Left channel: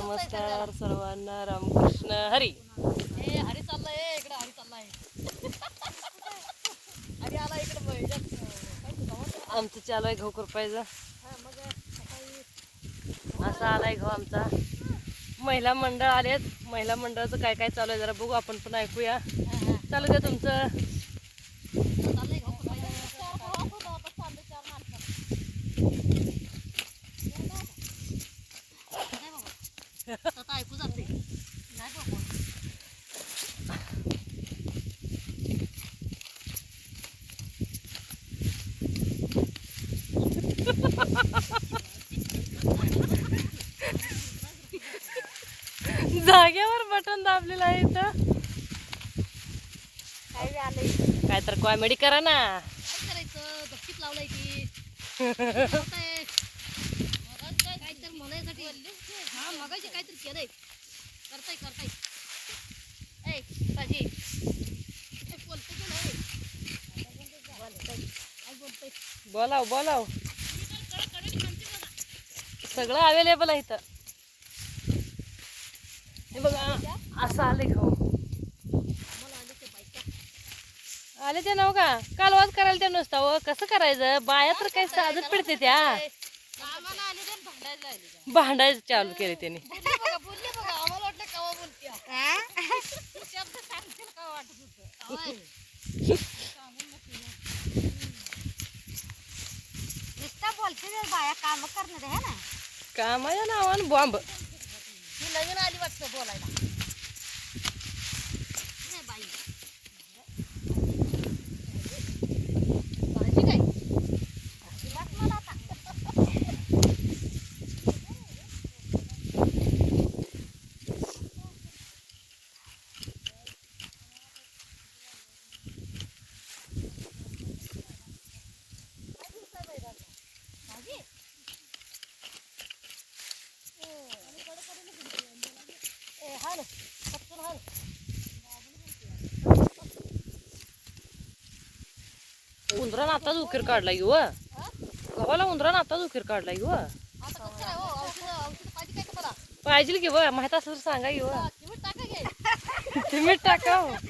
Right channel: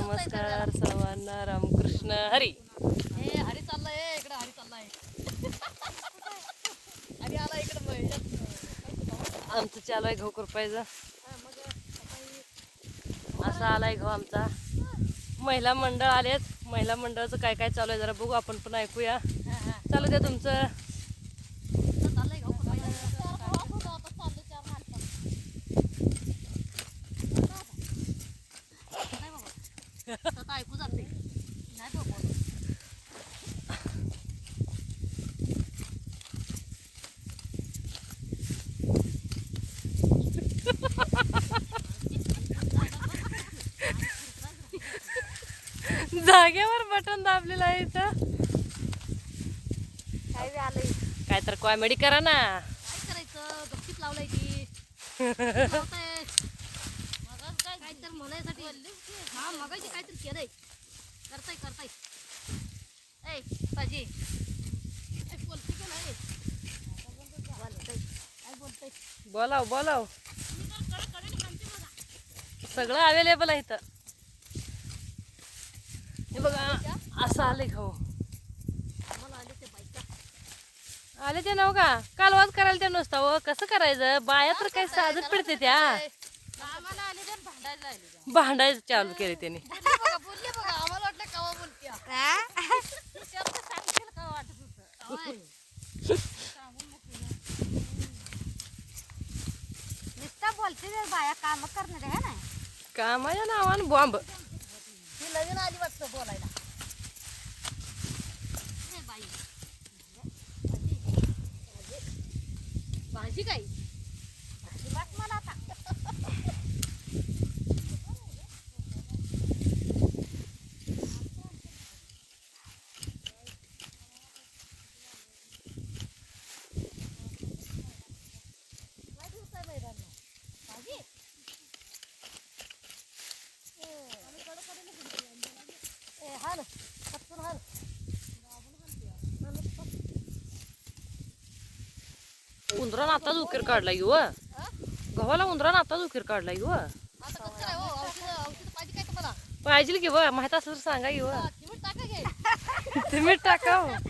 नमस्कार सर्वांना रामकृष्ण हरी. हरी चाललाय इकडं हरी चाललाय. आला इकडं. आमचं चालू आहे मग सकाळी. असा आलाय गहू आमचा. महिला मंडळ आलेत. महिला मंडळाचं काय काय चालू आहे जरा बघू आपण पण ऐकूया. चालू द्या तुमचं चाललंय गहू खुरपायचं. चाललंय चार माणसं. नाही बाबा. स्वतः ऐकू जाते नाही बाबा जागेवर बटन दाबलेलं आहे इथं. काय तर कॉमेडी करा ना. काय करायचं? लावलंय की लावताय. काय तर म्हणायसाठी हा मगाशी काहीतरी केलंय करताय करताय ए ताजी ए, बोलते का नाही? काय बोलतोय बोलाव बोलाव. सगळं अवेलेबल आहे इथं. हे बघा असं आले आम्हाला आले ते नव का? कालवाज करायला ते नुसतं हो कसं करायचं? बाया तर काही साधत पडते त्या. भांडायचं चालू केले त्याने बोलले बघा बोलले बघा आम्हाला वाटलं कवा बोलत्या विचारलं सांगशील का वाटत होतं नुसतं बोलते बाया काम करणार आहे ना कामाच्या नावानं बॉम्ब. ही नवीन आली वाटतं बोलायला ए बाई भाजी काय भाजी वाट मला आता भाजी ए हाल पटकन हाल उंदरानं आताच उकीर काढला येऊ गव्हाला उंदरानं आताच उकीर काढला येऊ आता कसं काय हो? पाहिजे की व माहीत असलं तर सांगा येऊ तुम्ही टाका हो.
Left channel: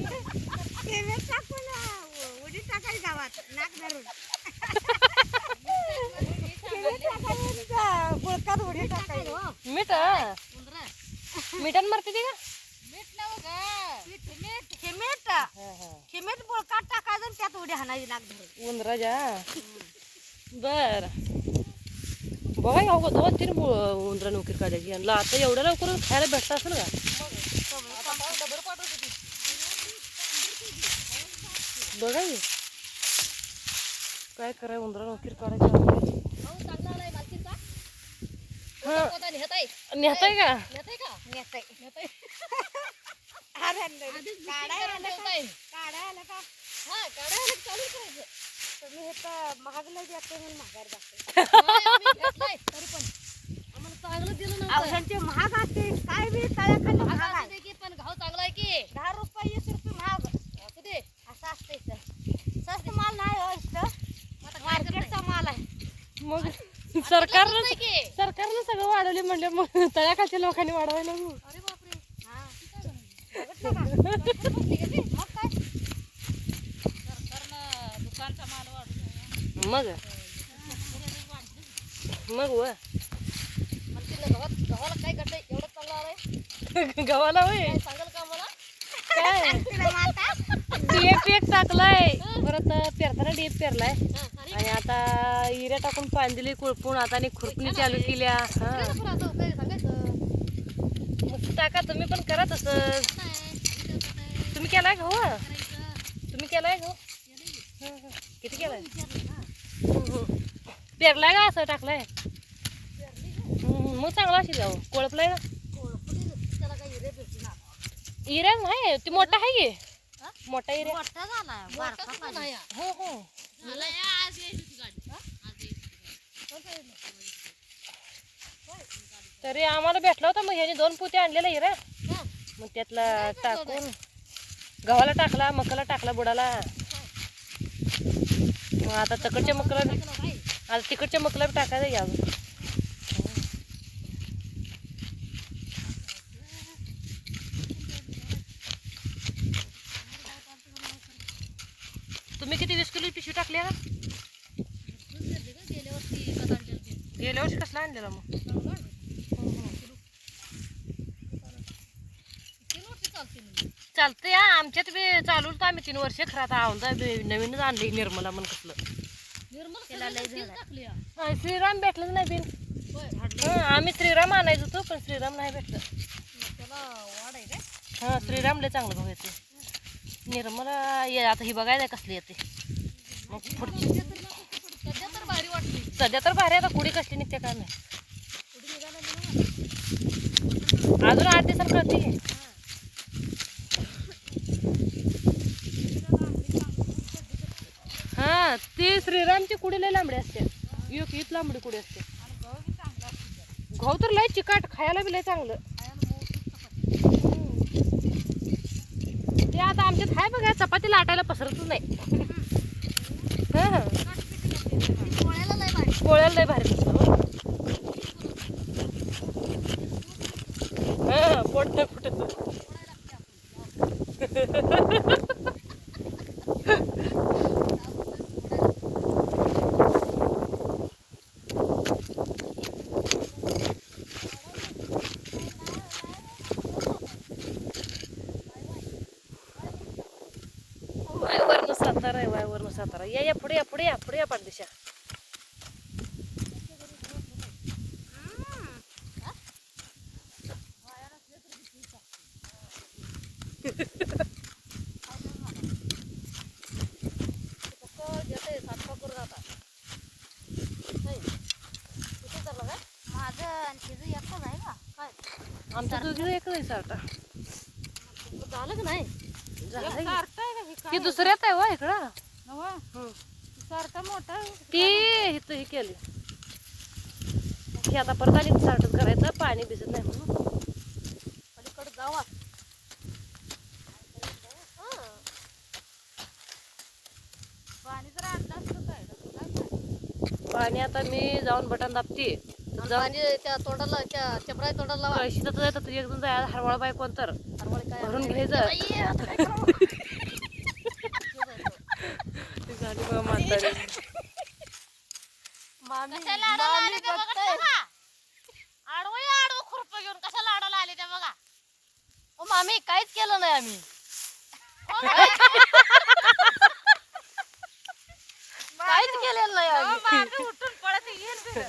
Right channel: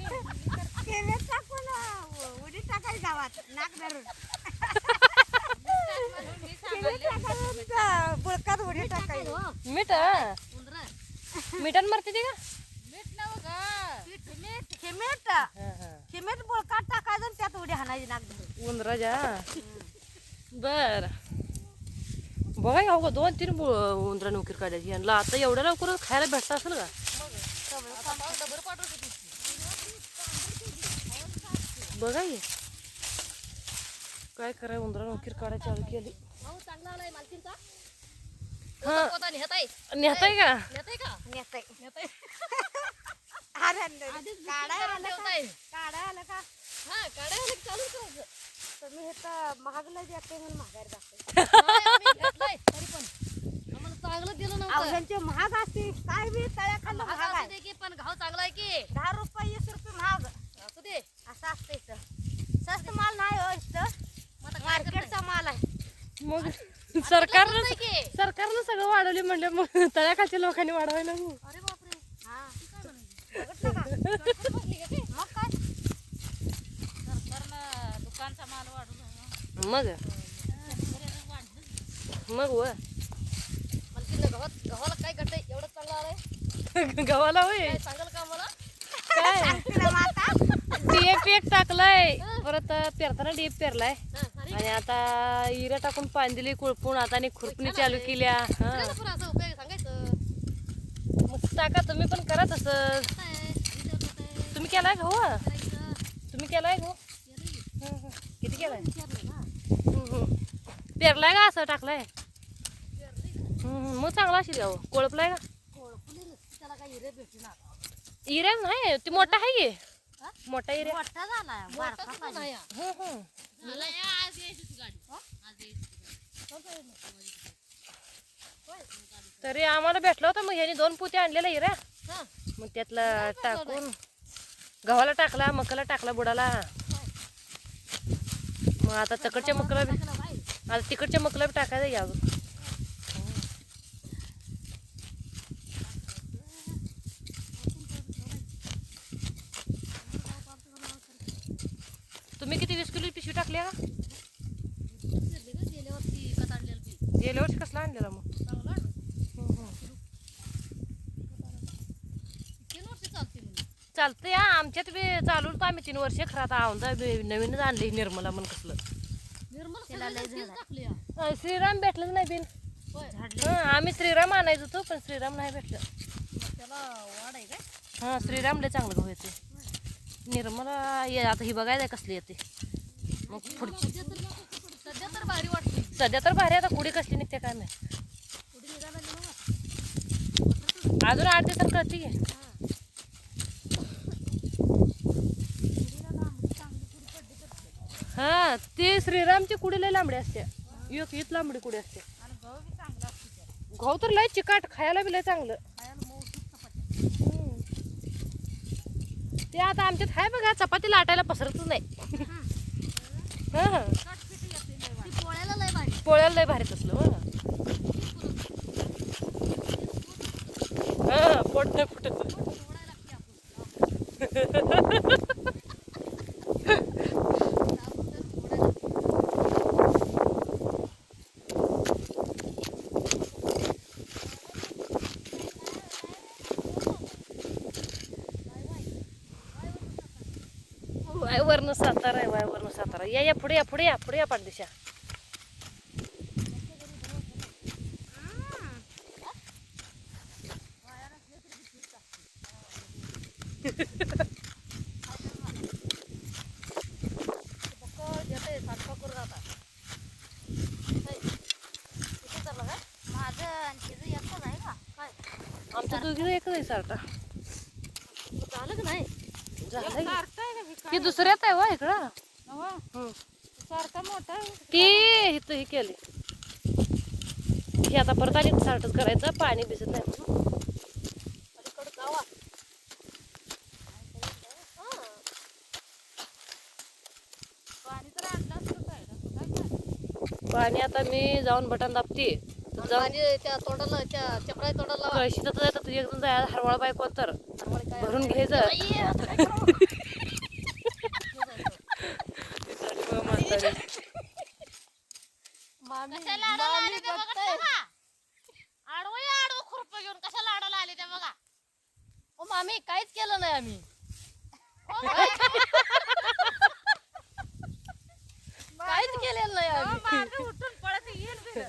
मीठ हा. उंदरा. मिठानं मारते ते का? मीठ हा, हा. सिमेंट बुळकात टाकायचं आणि त्यात उडी हाणायची धरून उंदराच्या? बर. बघा हो दोन तीन उंदरा उकीर काढायची. यांना आता एवढ्या लवकर खायला भेटलं असेल का? बघा की काय कराय उंदरा उकीर काढायची आपली? हा. नेहताय नेहताय का? नेताय. आलं का? ठेवताय. काढा आलं का? हा काढायला चालू करायचं तुम्ही हे तर महागला जाते म्हणून महागार जाते नाही, आम्ही घेतलंय, तरी पण. आम्हाला चांगलं दिलं नव्हतं. महाग असते. काय बी तळ्याखाली महाग महाग आहे. की पण घाव चांगला आहे की. दहा रुपये वीस रुपये महाग. असू दे. असं असतं इथं. स्वस्त माल नाही हो इथं? मार्केटचा माल आहे. मग सरकारनं की? सरकारनं सगळं वाढवले म्हणले मग तळ्याखालच्या लोकांनी वाढवायला मग हा का? मग? माल मग मग व? मला गव्हाला काय घडलंय एवढं चांगलं गव्हाला होय. काय? का डीएपी एक टाकलाय परत पेरताना डीएप पेरलाय हा, आणि आता हिऱ्या टाकून पाणी दिली कुळपून आता आणि खुरपणी चालू केल्या हा मग टाका तुम्ही पण करा तसं? तुम्ही केलाय गहू करायचं. तुम्ही केलाय केलंय. हं, हं. किती केलाय. हं, हं. पेरलाय का असं टाकलाय का? हं, हं. मग चांगला असेल गहू कोळपलाय ना हिऱ्या नाही ती मोठा आहे की हा? मोठा हिऱ्या मोठा झाला मोठा बारका किती पाहिजे. नाही हा. हं, हं. तरी आम्हाला भेटला होता मग ह्याने दोन पोते आणलेला हिऱ्या हा. मग त्यातला टाकून गव्हाला टाकला मकाला टाकला बुडाला मग आता तकडच्या मकला बी-. आता तिकडच्या मकला बी टाकायचं या काय तुम्ही किती वीस किलो पिशवी टाकल्या? का गेल्या वर्षी कसला आणलेला मग? चालते हा. आमच्यात बी चालू तर आम्ही तीन वर्ष. खरं आता औंदा बी नवीनच आणले निर्मला म्हणून कसलं. टाकली श्रीराम भेटलंच नाही बिन. हं, आम्ही श्रीराम आणायचो होतो पण श्रीराम नाही भेटलं. मग त्याला वाढ आहे काय हां श्रीराम लय चांगलं गहू येते निर्मला ये आता ही बघायला कसली येते. मग पुढची. सध्या तर- भारी वाटते सध्या तर भारी आता कुडी कसली निघते काय नाही अजून आठ दिवसात ती की. हा ते श्रीरामची कुडी लय लांबडी असते. एक हीच लांबडी कुडी असते. घाऊ तर लय चिकाट खायला बी लय चांगलं. ते आता आमच्यात आहे बघा चपाती लाटायला पसरतच नाही. पोळ्याला लय भारी पोळ्याला भारी असतं बरं. पोट नाही फुटत वायवरनं सातारा सातारा या या पुढे या पुढे या पुढे या पाठदिशा एकच आहे एक नाही सारखा झालं का नाही एक सारखं आहे वा इकडं. सारखा मोठा ती इथं ही केली. ही आता परत आणि सारखंच करायचं पाणी भिजत नाही. म्हणून. पाणी तर आणलं असतं काय? पाणी आता मी जाऊन बटन दाबते तर त्या तोंडाला त्या चपराय तोंडाला कळशीत जायचं तुझ्या हरवाळ बाय कोण तर? हरवळे काय भरून घ्यायचं त्यासाठी बघा म्हातारी. कशाला आडाला आले ते बघितलं का? आडवं या आडवं खुरपं घेऊन कशाला आडाला आले ते बघा. ओ मामी काहीच केलं नाही आम्ही. काहीच केलेलं नाही अहो, आम्ही. मागं उठून पळत येईल.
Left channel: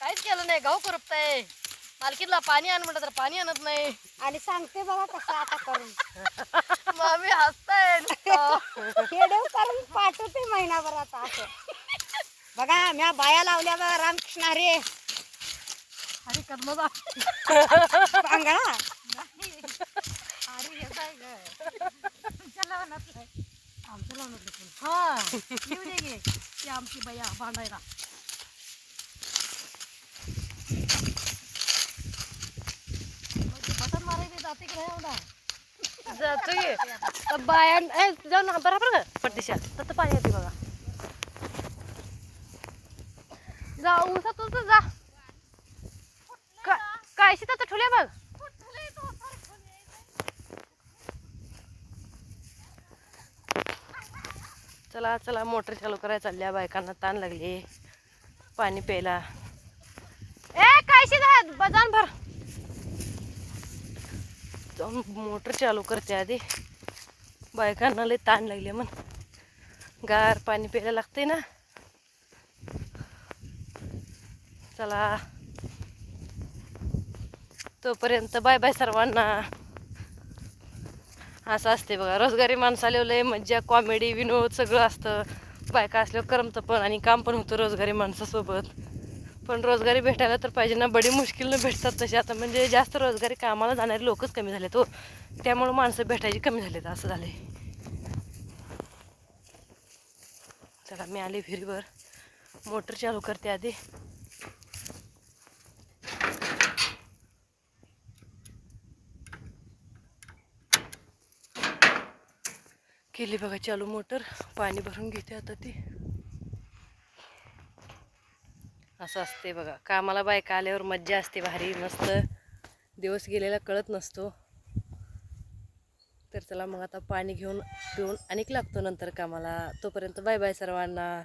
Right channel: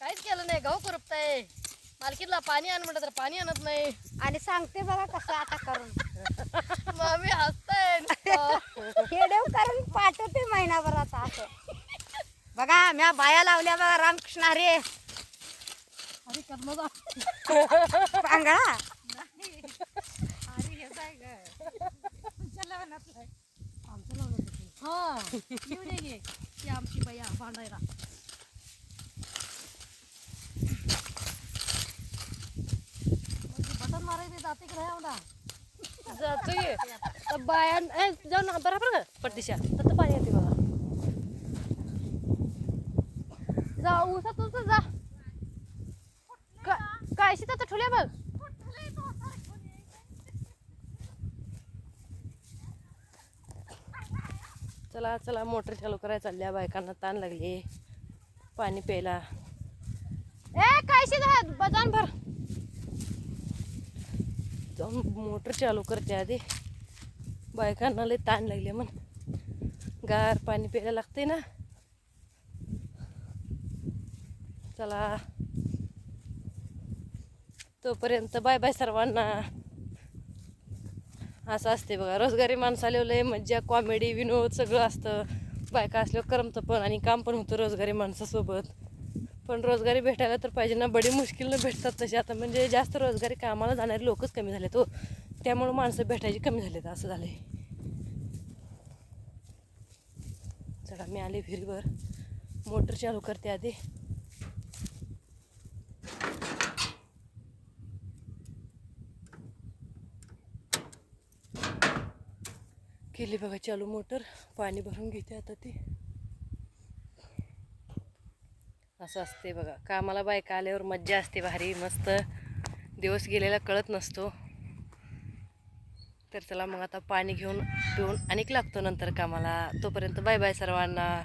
काहीच केलं नाही गाव करपताय मालकीला पाणी आण म्हटलं तर पाणी आणत नाही. आणि सांगते बाबा कसं आता करून. मामी हसताय. खेडेव करून पाठवते महिनाभरात असं. बघा म्या बाया लावल्या बघा रामकृष्ण हरे. अरे कर्मदा पांगळा आमच्या लावलं होतं. हा. येऊ दे गे. ती आमची बाया भांडायला मग ते बटन मारायला जाते की नाही एवढा जातो बाया जाऊ ना बरोबर का पटदिशा तर पाणी येते बघा. जा उसात तर जा. काय काय शेतात ठेवल्या बघ चला चला मोटर चालू करायला चालल्या बायकांना ताण लागली. पाणी प्यायला. ए काय शेतात? जाऊन भर. मोटर चालू करते आधी. बायकांना लय ताण लागले म्हण. गार पाणी प्यायला लागते ना. चला. तोपर्यंत बाय बाय सर्वांना. असं असते बघा रोजगारी माणसाला लय मज्जा कॉमेडी विनोद सगळं असतं. बायका असल्यावर करमतं पण आणि काम पण होतं रोजगारी माणसासोबत. पण रोजगारी भेटायला तर पाहिजे ना. बडी मुश्किलनं भेटतात तसे आता म्हणजे जास्त रोजगारी कामाला जाणारे लोकच कमी झाले तो हो. त्यामुळं माणसं भेटायची कमी झालेत असं झालंय. चला मी आले विहिरीवर. मोटर चालू करते आधी. केली बघा चालू मोटर. पाणी भरून घेते आता ती. असं असते बघा. कामाला बायका आल्यावर मज्जा असते भारी मस्त. दिवस गेलेला कळत नसतो. तर चला मग आता पाणी घेऊन पिऊन आणिक लागतो नंतर कामाला. तोपर्यंत बाय बाय सर्वांना.